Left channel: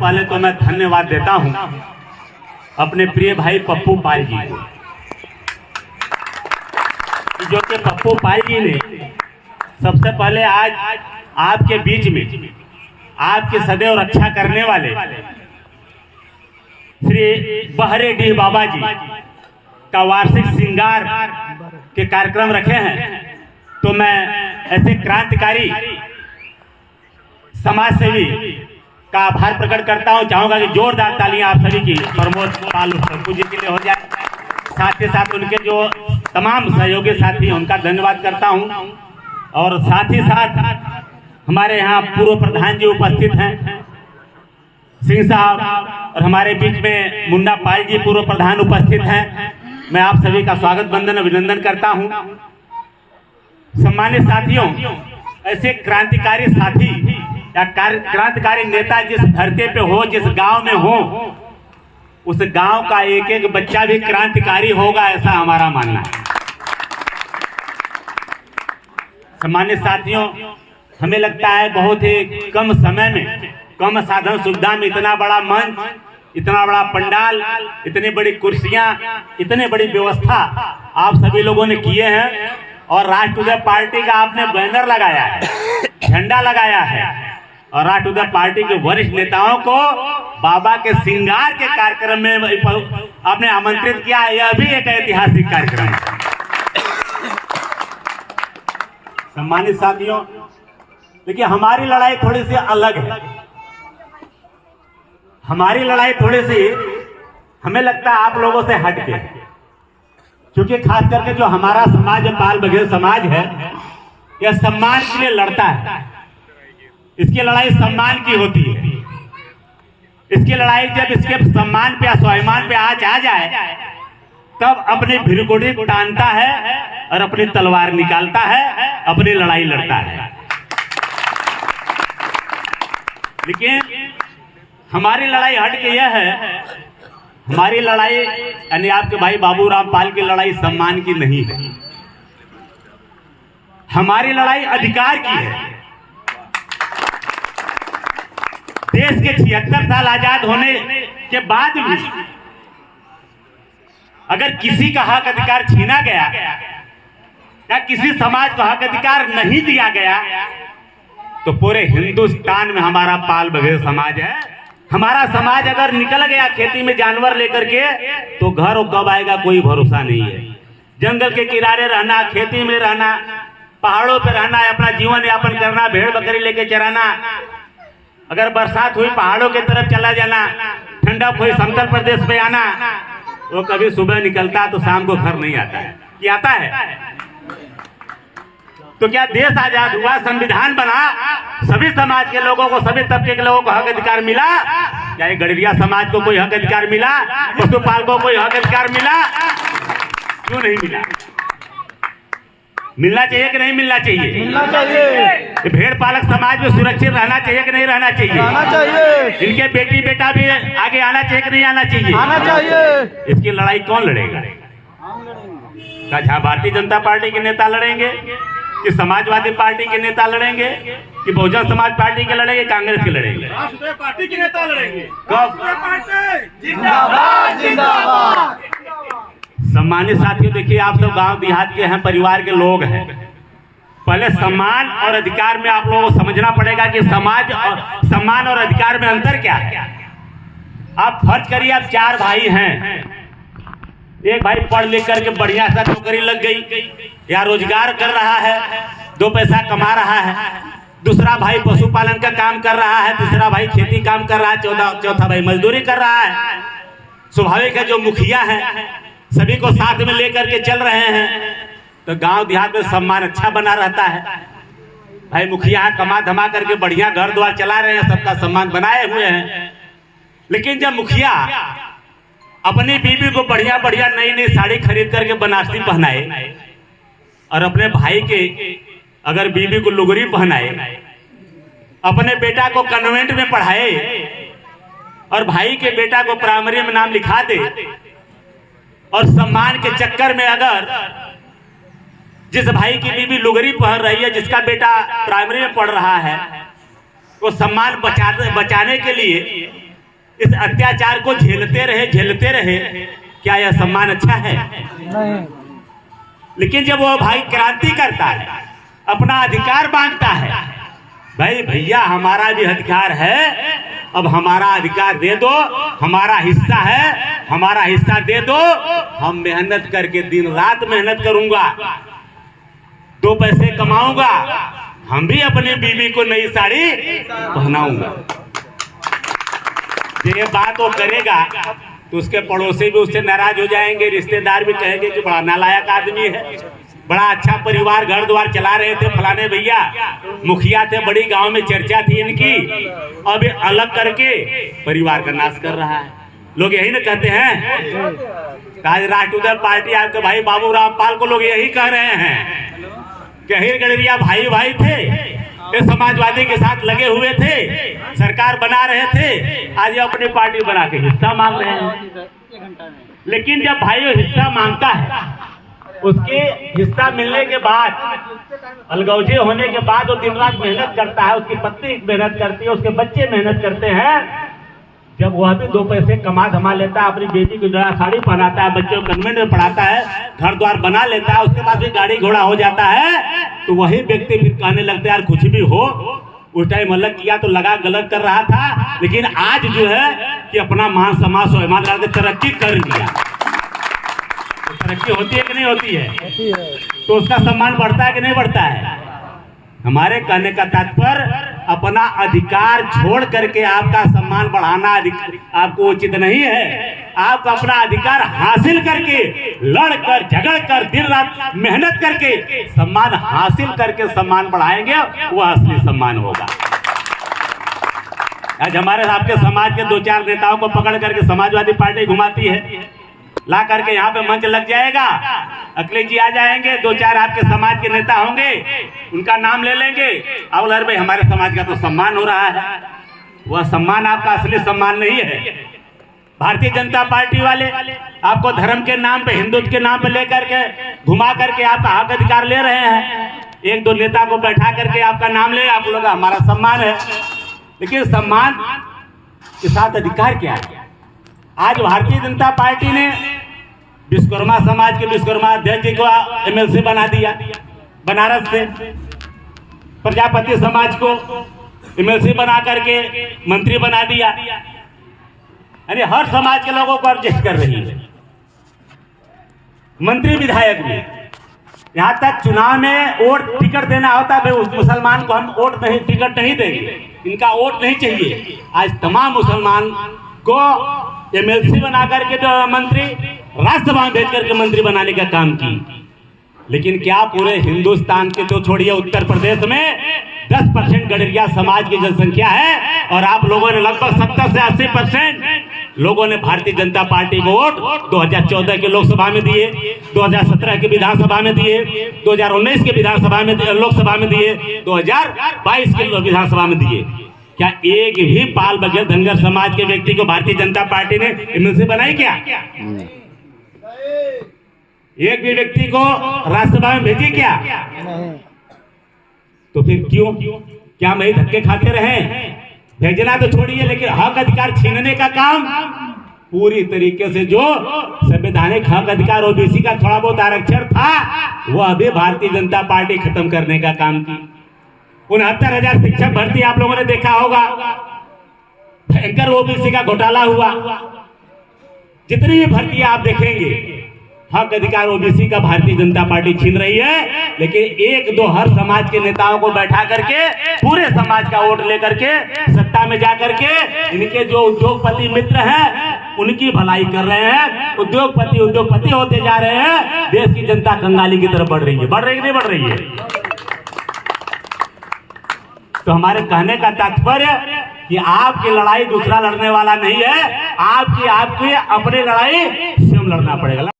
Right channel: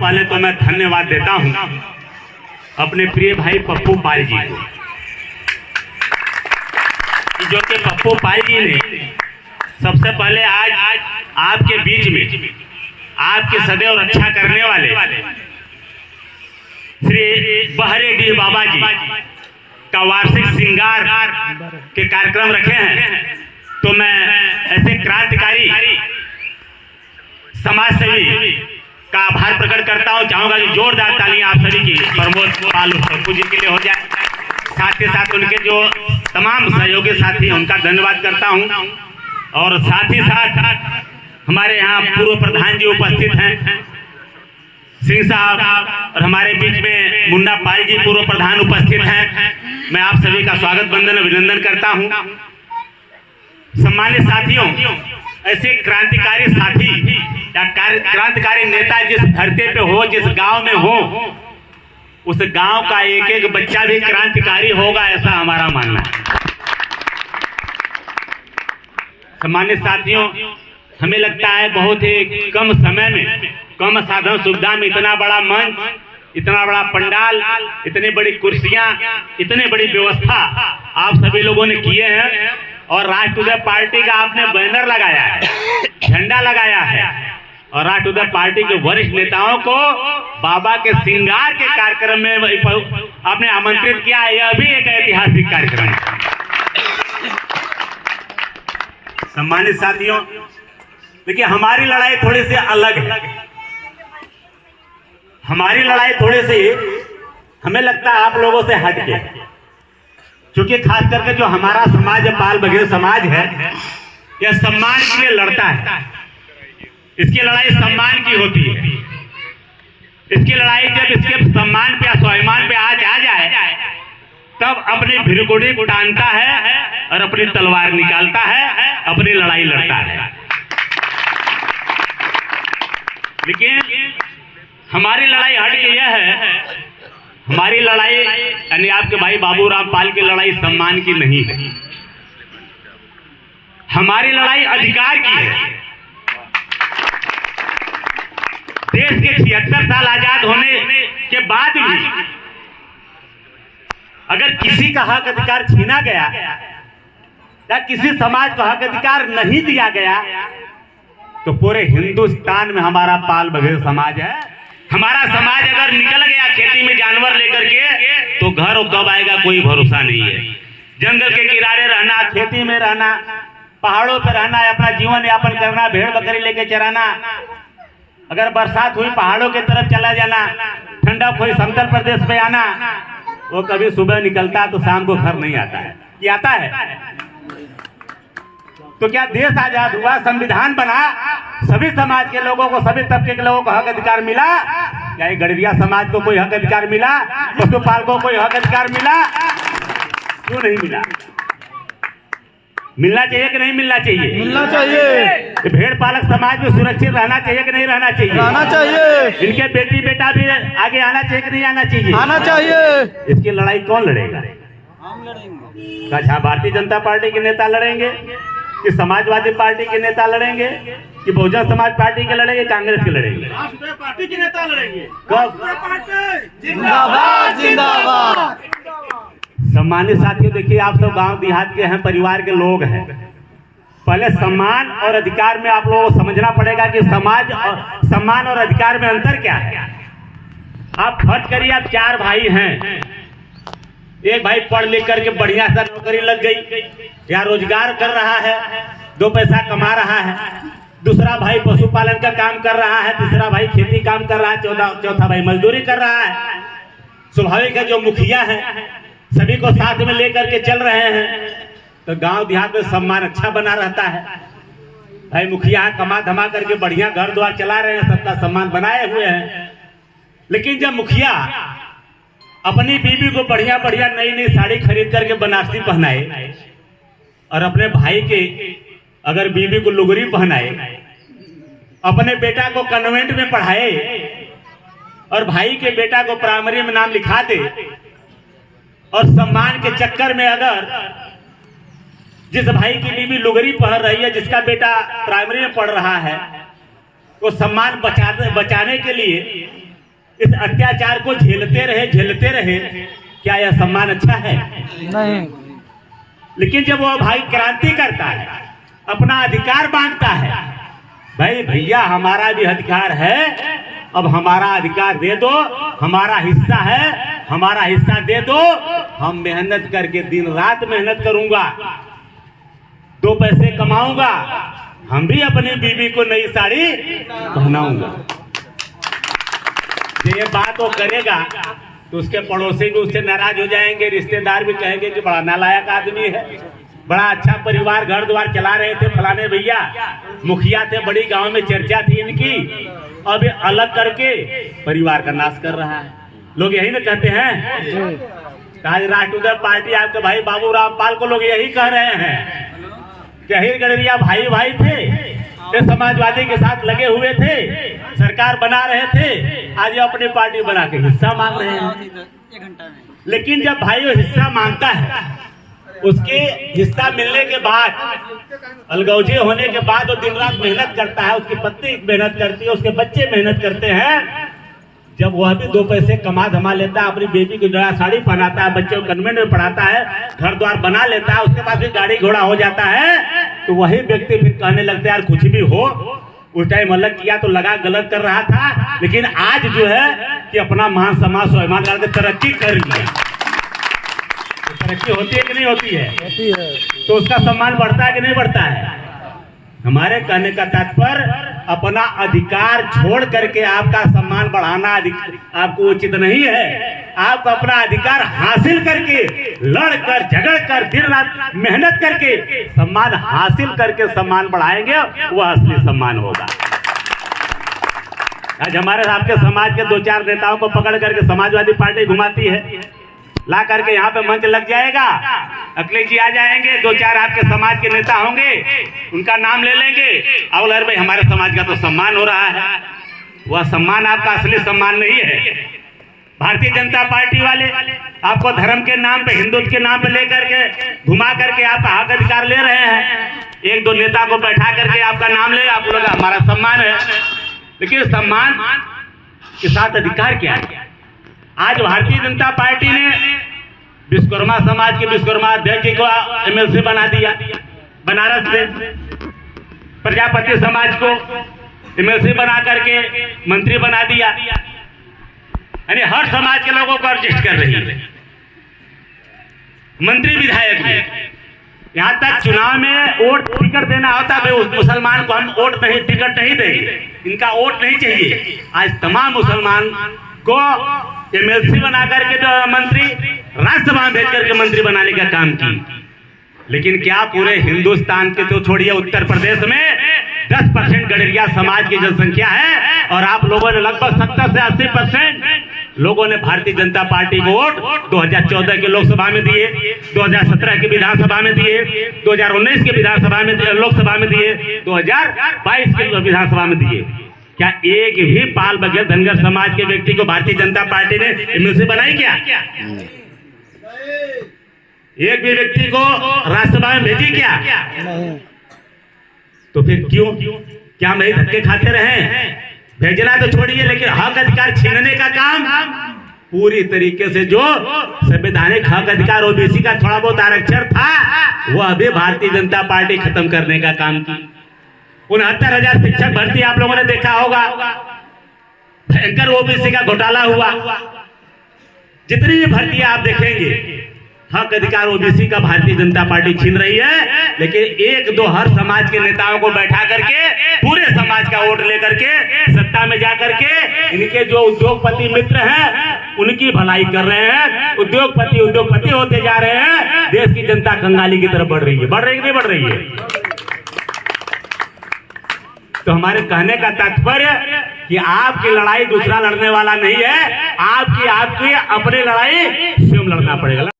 पहले तो मैं धन्यवाद देता हूं अपने प्रिय भाई पप्पू पाल जी को, जो कि पप्पू पाल जी ने सबसे पहले आज आपके बीच में आपकी सदैव रक्षा करने वाले श्री बहरेडीह बाबा जी का वार्षिक श्रृंगार के कार्यक्रम रखे हैं। तो मैं ऐसे क्रांतिकारी समाज सेवी का आभार प्रकट करता हूं। चाहूंगा कि जोरदार तालियां आप सभी की प्रमोद पाल पप्पू जी के लिए हो जाए। साथ ही साथ उनके जो तमाम सहयोगी साथी हैं उनका धन्यवाद करता हूं। और साथ ही साथ हमारे यहाँ पूर्व प्रधान जी उपस्थित हैं, सिंह साहब, और हमारे बीच में मुन्ना पाल जी पूर्व प्रधान उपस्थित हैं। मैं आप सभी का स्वागत वंदन अभिनंदन करता हूं। सम्मानित साथियों, ऐसे क्रांतिकारी साथी या क्रांतिकारी नेता जिस धरती पे हो, जिस गांव में हो, उस गांव का एक एक बच्चा भी क्रांतिकारी होगा, ऐसा हमारा मानना है। सम्मानित साथियों, हमें लगता है बहुत ही कम समय में, कम साधन सुविधा में इतना बड़ा मंच, इतना बड़ा पंडाल, इतनी बड़ी कुर्सियां, इतनी बड़ी व्यवस्था आप सभी लोगों ने किए हैं। और राष्ट्रीय पार्टी का आपने बैनर लगाया है, झंडा लगाया है, और राष्ट्रीय पार्टी के वरिष्ठ नेताओं को बाबा के श्रृंगार के कार्यक्रम में आपने आमंत्रित किया है। यह भी एक ऐतिहासिक कार्यक्रम है। सम्मानित साथियों, देखिए हमारी लड़ाई थोड़ी सी अलग है। हमारी लड़ाई थोड़ी सी हमें लगता है आप लोगों से हट के, क्योंकि खास करके जो हमारा समाज है, पाल बघेल समाज है, यह सम्मान के लिए लड़ता है। इसकी लड़ाई सम्मान की होती है। इसकी लड़ाई जब इसके सम्मान पे, स्वाभिमान पे आज आ जाए, तब अपनी भिरगोड़ी टानता है और अपनी तलवार निकालता है, अपनी लड़ाई लड़ता है। लेकिन हमारी लड़ाई हट के यह है, हमारी लड़ाई यानी आपके भाई बाबूराम पाल की लड़ाई सम्मान की नहीं है। हमारी लड़ाई अधिकार की है। देश के 76 साल आजाद होने के बाद भी अगर किसी का हक अधिकार छीना गया या किसी समाज को हक अधिकार नहीं दिया गया, तो पूरे हिंदुस्तान में हमारा पाल बघेल समाज है। हमारा समाज अगर निकल गया खेती में जानवर लेकर के, तो घर कब आएगा कोई भरोसा नहीं है। जंगल के किनारे रहना, खेती में रहना, पहाड़ों पर रहना, अपना जीवन यापन करना, भेड़ बकरी लेके चराना, अगर बरसात हुई पहाड़ों की तरफ चला जाना, ठंडा कोई समतल प्रदेश पे आना, वो कभी सुबह निकलता तो शाम को घर नहीं आता है। ये आता है। तो क्या देश आजाद हुआ, संविधान बना, सभी समाज के लोगों को, सभी तबके के लोगों को हक अधिकार मिला? क्या ये गड़बिया समाज को कोई हक अधिकार मिला? पशुपाल को कोई हक अधिकार मिला? क्यों नहीं मिला? मिलना चाहिए कि नहीं मिलना चाहिए? मिलना चाहिए। भेड़ पालक समाज में सुरक्षित रहना चाहिए कि नहीं रहना चाहिए? रहना चाहिए। इनके बेटी बेटा भी आगे आना चाहिए कि नहीं आना चाहिए? आना चाहिए। इसकी लड़ाई कौन लड़ेगा? हम लड़ेंगे। क्या भारतीय जनता पार्टी के नेता लड़ेंगे, कि समाजवादी पार्टी के नेता लड़ेंगे, कि बहुजन समाज पार्टी के लड़ेंगे, कांग्रेस के लड़ेंगे? राष्ट्रीय पार्टी के नेता लड़ेंगे। कब? जिंदाबाद जिंदाबाद। सम्मानित साथियों, देखिए आप सब गांव देहात के हैं, परिवार के लोग हैं। पहले सम्मान और अधिकार में आप लोगों को समझना पड़ेगा कि सम्मान और अधिकार में अंतर क्या है। आप फर्ज करिए, आप 4 भाई हैं। एक भाई पढ़ लिख करके बढ़िया सा नौकरी लग गई या रोजगार कर रहा है, 2 पैसा कमा रहा है। दूसरा भाई पशुपालन का काम कर रहा है, तीसरा भाई खेती काम कर रहा है, चौथा भाई मजदूरी कर रहा है। स्वाभाविक है, जो मुखिया है सभी को साथ में लेकर के चल रहे हैं, तो गांव देहात में सम्मान अच्छा बना रहता है। भाई मुखिया कमा धमा करके बढ़िया घर द्वार चला रहे हैं, सबका सम्मान बनाए हुए हैं। लेकिन जब मुखिया अपनी बीवी को बढ़िया बढ़िया नई नई साड़ी खरीद करके बनारसी पहनाए, और अपने भाई के अगर बीवी को लुगरी पहनाए, अपने बेटा को कन्वेंट में पढ़ाए, और भाई के बेटा को प्राइमरी में नाम लिखा दे, और सम्मान के चक्कर में अगर जिस भाई की बीवी लुगरी पहन रही है, जिसका बेटा प्राइमरी में पढ़ रहा है, वो सम्मान बचाने के लिए इस अत्याचार को झेलते रहे, क्या यह सम्मान अच्छा है? नहीं। लेकिन जब वो भाई क्रांति करता है, अपना अधिकार मांगता है, भाई भैया हमारा भी अधिकार है, अब हमारा अधिकार दे दो, हमारा हिस्सा है, हमारा हिस्सा दे दो, हम मेहनत करके दिन रात मेहनत करूंगा, 2 पैसे कमाऊंगा, हम भी अपनी बीवी को नई साड़ी पहनाऊंगा। ये बात वो करेगा तो उसके पड़ोसी भी उससे नाराज हो जाएंगे, रिश्तेदार भी कहेंगे कि बड़ा नालायक आदमी है, बड़ा अच्छा परिवार घर द्वार चला रहे थे, फलाने भैया मुखिया थे, बड़ी गांव में चर्चा थी इनकी, अब ये अलग करके परिवार का नाश कर रहा है। लोग यही ना कहते हैं। आज राष्ट्रीय पार्टी आपके भाई बाबू रामपाल को लोग यही कह रहे हैं कि अहिर गडरिया भाई भाई थे, ये समाजवादी के साथ लगे हुए थे, सरकार बना रहे थे, आज ये अपनी पार्टी बना के हिस्सा मांग रहे हैं। लेकिन जब भाई ये हिस्सा मांगता है, उसके हिस्सा मिलने के बाद, अलगौजे होने के बाद वो दिन रात मेहनत करता है, उसकी पत्नी मेहनत करती है, उसके बच्चे मेहनत करते हैं, जब वह भी 2 पैसे कमा धमा लेता है, अपनी बेटी को नया साड़ी पहनाता है, बच्चों को कन्वेंट में पढ़ाता है, घर द्वार बना लेता है, उसके बाद भी गाड़ी घोड़ा हो जाता है, तो वही व्यक्ति फिर कहने लगता है यार कुछ भी हो, उस टाइम अलग किया तो लगा गलत कर रहा था, लेकिन आज जो है कि अपना मान समाज स्वाभिमान लगा के तरक्की कर लिया। तो तरक्की होती है कि नहीं होती है? तो उसका सम्मान बढ़ता है कि नहीं बढ़ता है? हमारे कहने का तात्पर्य अपना अधिकार छोड़ करके आपका सम्मान बढ़ाना आपको उचित नहीं है। आप अपना अधिकार हासिल करके, लड़कर झगड़कर दिन रात मेहनत करके सम्मान हासिल करके सम्मान बढ़ाएंगे, वह असली सम्मान होगा। आज हमारे आपके समाज के 2-4 नेताओं को पकड़ करके समाजवादी पार्टी घुमाती है, ला करके यहाँ पे मंच लग जाएगा, अखिलेश जी आ जाएंगे, 2-4 आपके समाज के नेता होंगे, उनका नाम ले लेंगे, अब भाई हमारे समाज का तो सम्मान हो रहा है। वह सम्मान आपका असली सम्मान नहीं है। भारतीय जनता पार्टी वाले आपको धर्म के नाम पे, हिंदुत्व के नाम पे लेकर के घुमा करके आपका हक अधिकार ले रहे हैं। 1-2 नेता को बैठा करके आपका नाम ले, आप लोग हमारा सम्मान है, लेकिन सम्मान के साथ अधिकार क्या है? आज भारतीय जनता पार्टी ने विश्वकर्मा समाज के विश्वकर्मा अध्यक्ष जी को MLC बना दिया, बनारस से प्रजापति समाज को MLC बना करके मंत्री बना दिया, यानी हर समाज के लोगों को एडजस्ट कर रही है। मंत्री विधायक भी, यहाँ तक चुनाव में वोट टिकट देना होता है, उस मुसलमान को हम वोट नहीं, टिकट नहीं देंगे, इनका वोट नहीं चाहिए। आज तमाम मुसलमान को MLC बना करके जो मंत्री राज्यसभा में भेज करके मंत्री बनाने का काम की। लेकिन क्या पूरे हिंदुस्तान के तो छोड़िए, उत्तर प्रदेश में 10% गडरिया समाज की जनसंख्या है, और आप लोगों ने लगभग 70 से 80% लोगों ने भारतीय जनता पार्टी को वोट 2014 के लोकसभा में दिए, 2017 के विधानसभा में दिए, 2019 के विधानसभा में लोकसभा में दिए, 2022 के विधानसभा में दिए। क्या एक भी पाल बघेल धनगर समाज के व्यक्ति को भारतीय जनता पार्टी ने MLC बनाई क्या? एक भी व्यक्ति को राज्यसभा में भेजी क्या? तो फिर क्यों? क्या हम यही धक्के खाते रहे? भेजना तो छोड़िए, लेकिन हक अधिकार छीनने का काम पूरी तरीके से, जो संवैधानिक हक अधिकार OBC का थोड़ा बहुत आरक्षण था, वह भी भारतीय जनता पार्टी खत्म करने का काम की। 69,000 शिक्षक भर्ती आप लोगों ने देखा होगा, भयंकर OBC का घोटाला हुआ। जितनी भी भर्ती आप देखेंगे, हक अधिकार OBC का भारतीय जनता पार्टी छीन रही है। लेकिन 1-2 हर समाज के नेताओं को बैठा करके पूरे समाज का वोट लेकर के सत्ता में जाकर के इनके जो उद्योगपति मित्र हैं उनकी भलाई कर रहे हैं। उद्योगपति होते जा रहे हैं, देश की जनता कंगाली की तरफ बढ़ रही है। बढ़ रही है कि नहीं बढ़ रही है? तो हमारे कहने का तात्पर्य कि आपकी लड़ाई दूसरा लड़ने वाला नहीं है, आपकी अपनी लड़ाई स्वयं लड़ना पड़ेगा।